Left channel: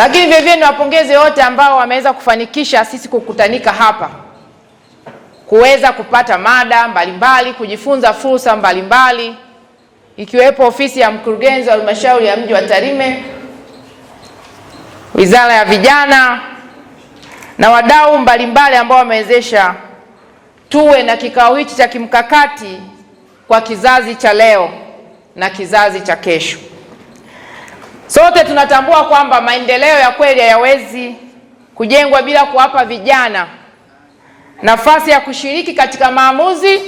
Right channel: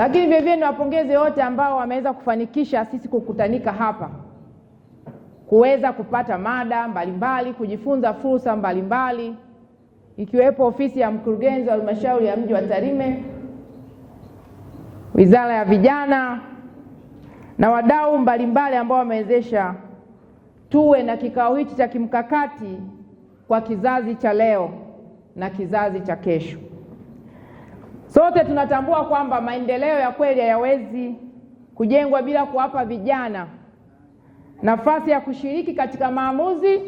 Lakini vile vile niwapongeze wote ambao wameweza kufanikisha sisi kukutanika hapa, kuweza kupata mada mbalimbali, kujifunza fursa mbalimbali, ikiwepo ofisi ya mkurugenzi wa halmashauri ya mji wa Tarime, Wizara ya Vijana na wadau mbalimbali ambao wamewezesha tuwe na kikao hichi cha kimkakati kwa kizazi cha leo na kizazi cha kesho. Sote tunatambua kwamba maendeleo ya kweli hayawezi kujengwa bila kuwapa vijana nafasi ya kushiriki katika maamuzi,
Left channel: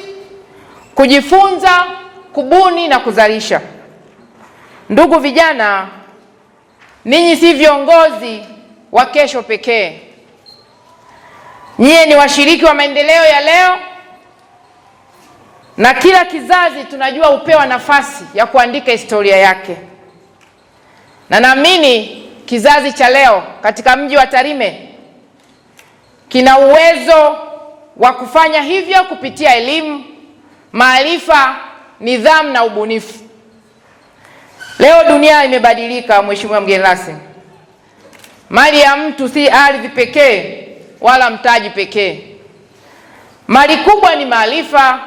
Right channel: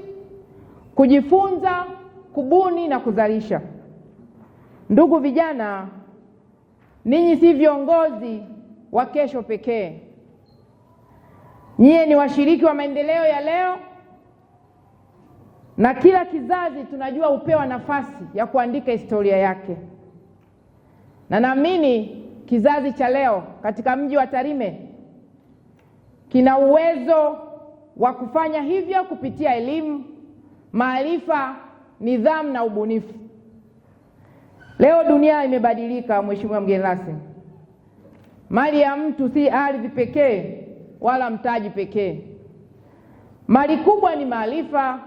kujifunza, kubuni na kuzalisha. Ndugu vijana, ninyi si viongozi wa kesho pekee. Nyie ni washiriki wa maendeleo ya leo, na kila kizazi tunajua upewa nafasi ya kuandika historia yake. Na naamini kizazi cha leo katika mji wa Tarime kina uwezo wa kufanya hivyo kupitia elimu, maarifa, nidhamu na ubunifu. Leo dunia imebadilika, Mheshimiwa mgeni rasmi. Mali ya mtu si ardhi pekee wala mtaji pekee. Mali kubwa ni maarifa,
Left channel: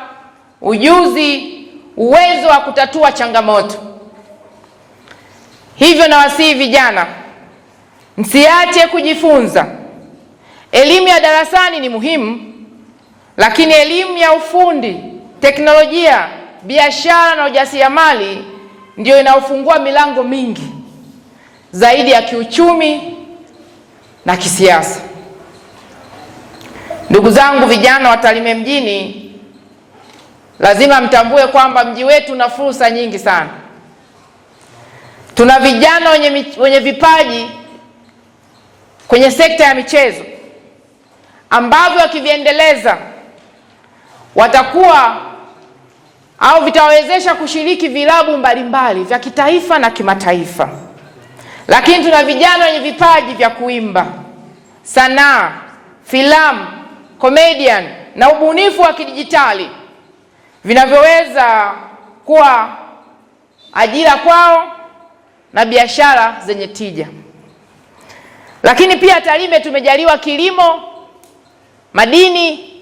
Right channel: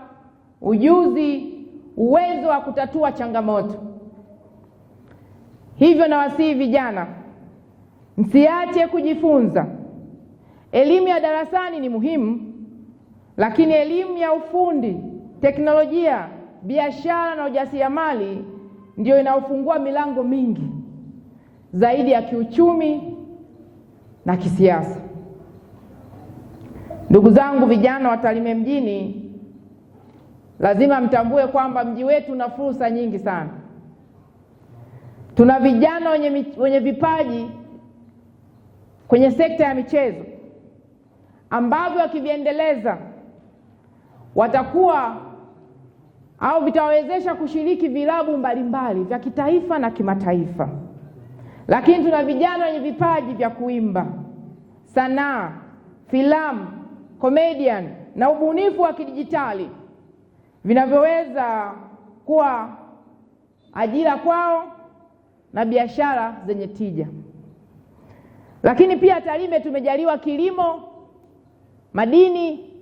ujuzi, uwezo wa kutatua changamoto. Hivyo nawasihi vijana, msiache kujifunza. Elimu ya darasani ni muhimu, lakini elimu ya ufundi, teknolojia, biashara na ujasiriamali ndio inaofungua milango mingi zaidi ya kiuchumi na kisiasa. Ndugu zangu vijana wa Tarime mjini, lazima mtambue kwamba mji wetu una fursa nyingi sana. Tuna vijana wenye vipaji kwenye sekta ya michezo ambavyo wakiviendeleza watakuwa au vitawezesha kushiriki vilabu mbalimbali vya kitaifa na kimataifa. Lakini tuna vijana wenye vipaji vya kuimba, sanaa, filamu, comedian na ubunifu wa kidijitali vinavyoweza kuwa ajira kwao na biashara zenye tija. Lakini pia Tarime tumejaliwa kilimo, madini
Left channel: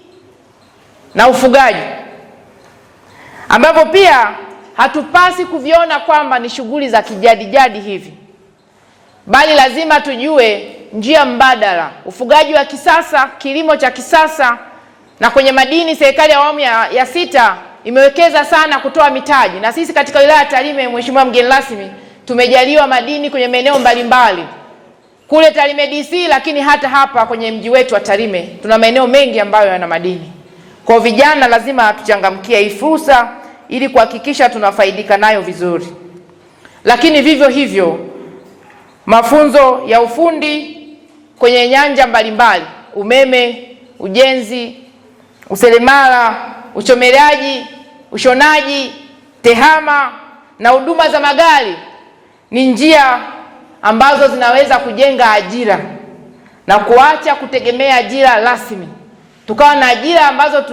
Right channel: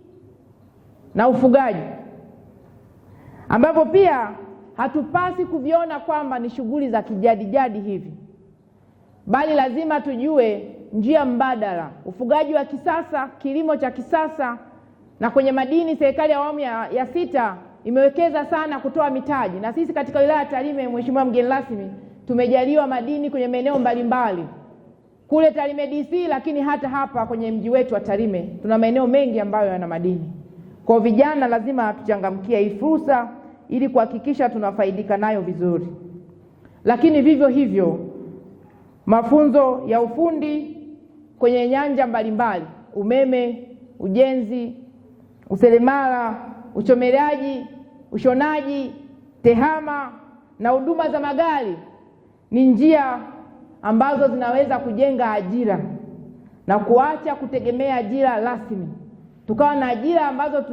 na ufugaji, ambapo pia hatupasi kuviona kwamba ni shughuli za kijadi hivi, bali lazima tujue njia mbadala, ufugaji wa kisasa, kilimo cha kisasa. Na kwenye madini, serikali ya awamu ya sita imewekeza sana kutoa mitaji, na sisi katika wilaya ya Tarime, Mheshimiwa mgeni rasmi, tumejaliwa madini kwenye maeneo mbalimbali kule Tarime DC, lakini hata hapa kwenye mji wetu wa Tarime tuna maeneo mengi ambayo yana madini. Kwa vijana lazima tuchangamkie hii fursa ili kuhakikisha tunafaidika nayo vizuri. Lakini vivyo hivyo mafunzo ya ufundi kwenye nyanja mbalimbali, umeme, ujenzi, useremala, uchomeleaji, ushonaji, tehama na huduma za magari ni njia ambazo zinaweza kujenga ajira na kuacha kutegemea ajira rasmi. Tukawa na ajira ambazo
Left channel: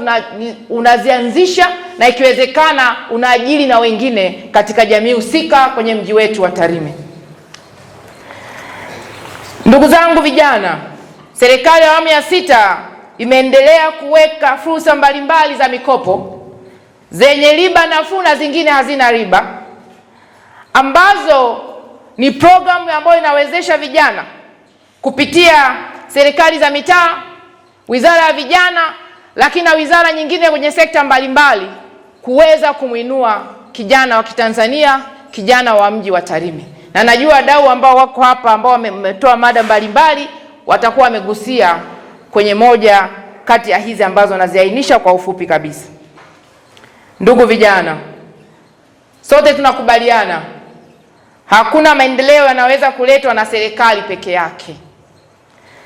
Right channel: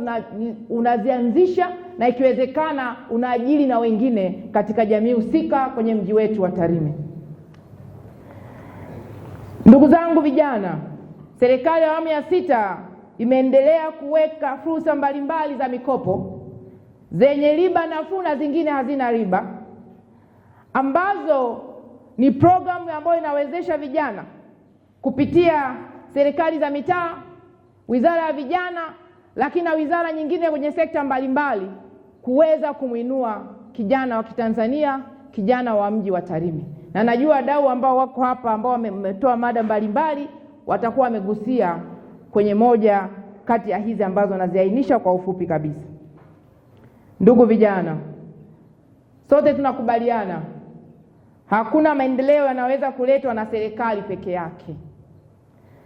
unazianzisha na ikiwezekana unaajiri na wengine katika jamii husika kwenye mji wetu wa Tarime. Ndugu zangu vijana, serikali ya awamu ya sita imeendelea kuweka fursa mbalimbali za mikopo zenye riba nafuu na zingine hazina riba, ambazo ni programu ambayo inawezesha vijana kupitia serikali za mitaa, Wizara ya Vijana, lakini na wizara nyingine kwenye sekta mbalimbali kuweza kumuinua kijana wa Kitanzania, kijana wa mji wa Tarime. Na najua wadau ambao wako hapa ambao wametoa mada mbalimbali watakuwa wamegusia kwenye moja kati ya hizi ambazo naziainisha kwa ufupi kabisa. Ndugu vijana, sote tunakubaliana hakuna maendeleo yanaweza kuletwa na serikali peke yake.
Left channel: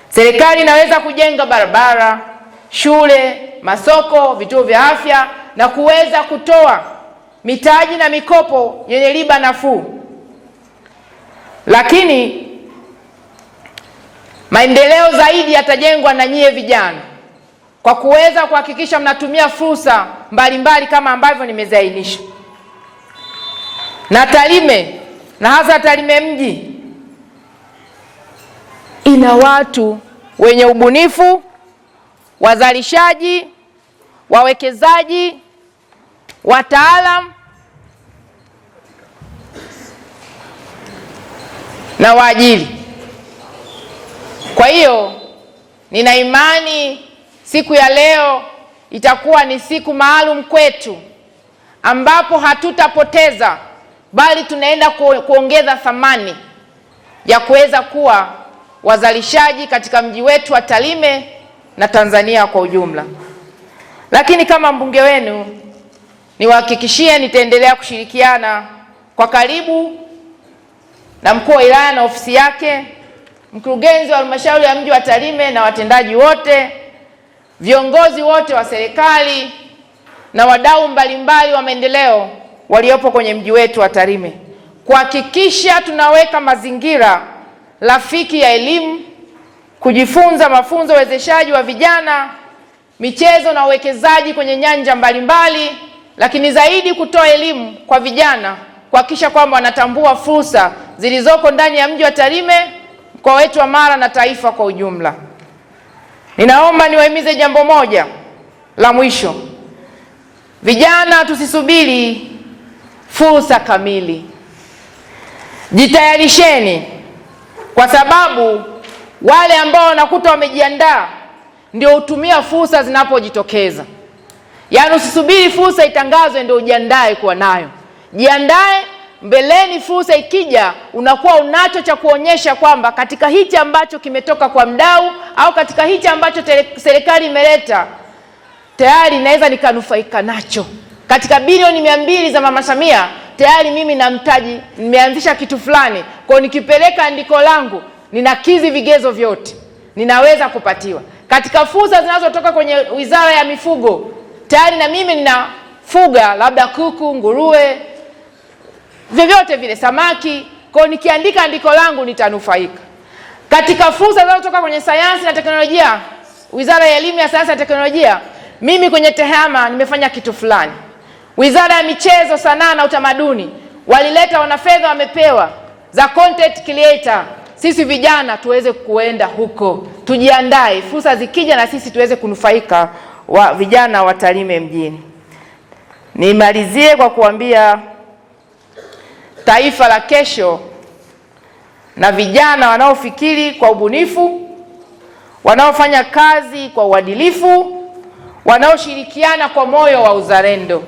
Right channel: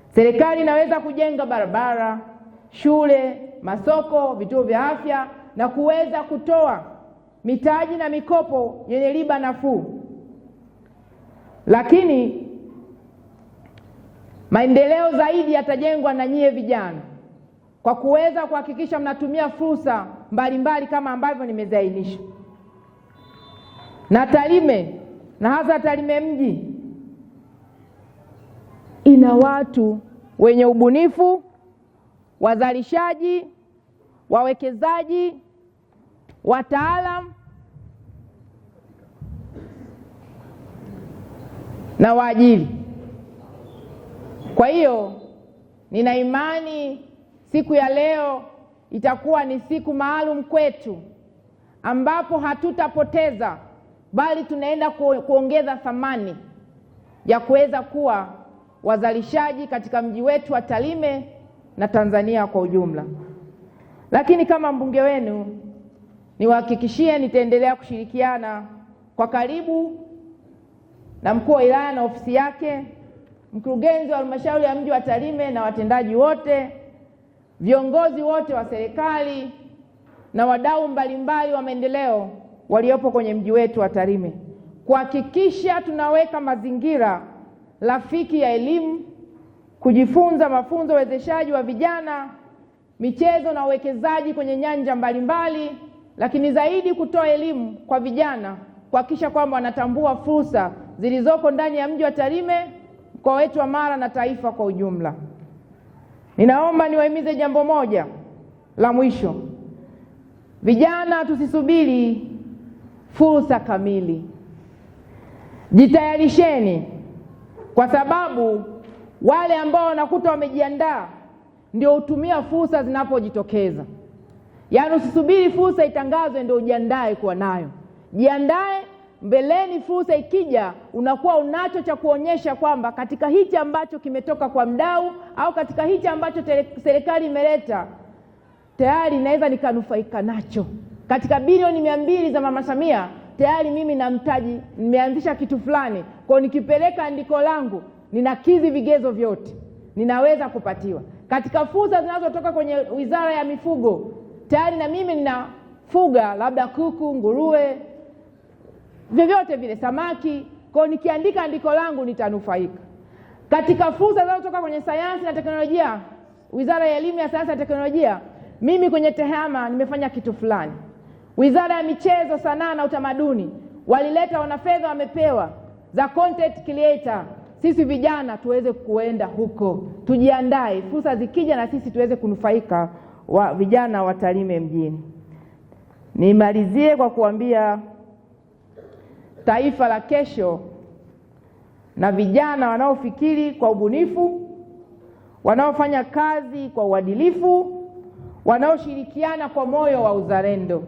Serikali inaweza kujenga barabara, shule, masoko, vituo vya afya na kuweza kutoa mitaji na mikopo yenye riba nafuu. Lakini maendeleo zaidi yatajengwa na nyie vijana kwa kuweza kuhakikisha mnatumia fursa mbalimbali kama ambavyo nimeziainisha. Na Tarime na hasa Tarime mji ina watu wenye ubunifu, wazalishaji, wawekezaji, wataalamu na waajiri. Kwa hiyo nina imani siku ya leo itakuwa ni siku maalum kwetu, ambapo hatutapoteza bali tunaenda kuongeza thamani ya kuweza kuwa wazalishaji katika mji wetu wa Tarime na Tanzania kwa ujumla. Lakini kama mbunge wenu niwahakikishie nitaendelea kushirikiana kwa karibu na mkuu wa wilaya na ofisi yake, mkurugenzi wa halmashauri ya mji wa Tarime na watendaji wote, viongozi wote wa serikali na wadau mbalimbali wa maendeleo waliopo kwenye mji wetu wa Tarime, kuhakikisha tunaweka mazingira rafiki ya elimu, kujifunza, mafunzo, uwezeshaji wa vijana, michezo na uwekezaji kwenye nyanja mbalimbali, lakini zaidi kutoa elimu kwa vijana, kuhakikisha kwamba wanatambua fursa zilizoko ndani ya mji wa Tarime, mkoa wetu wa Mara na taifa kwa ujumla. Ninaomba niwahimize jambo moja la mwisho. Vijana, tusisubiri fursa kamili. Jitayarisheni, kwa sababu wale ambao wanakuta wamejiandaa ndio hutumia fursa zinapojitokeza. Yaani usisubiri fursa itangazwe ndio ujiandae kuwa nayo. Jiandae mbeleni, fursa ikija unakuwa unacho cha kuonyesha kwamba katika hichi ambacho kimetoka kwa mdau au katika hichi ambacho serikali imeleta tayari naweza nikanufaika nacho. Katika bilioni 200 za Mama Samia tayari mimi na mtaji nimeanzisha kitu fulani, kwa nikipeleka andiko langu ninakidhi vigezo vyote, ninaweza kupatiwa. Katika fursa zinazotoka kwenye Wizara ya Mifugo tayari na mimi ninafuga labda kuku, nguruwe, vyovyote vile, samaki, kwa nikiandika andiko langu nitanufaika. Katika fursa zinazotoka kwenye sayansi na teknolojia, Wizara ya Elimu ya Sayansi na Teknolojia, mimi kwenye TEHAMA nimefanya kitu fulani. Wizara ya Michezo, Sanaa na Utamaduni walileta wanafedha, wamepewa za content creator. Sisi vijana tuweze kuenda huko, tujiandae fursa zikija na sisi tuweze kunufaika, wa vijana wa Tarime mjini. Nimalizie kwa kuambia taifa la kesho na vijana wanaofikiri kwa ubunifu, wanaofanya kazi kwa uadilifu, wanaoshirikiana kwa moyo wa uzalendo.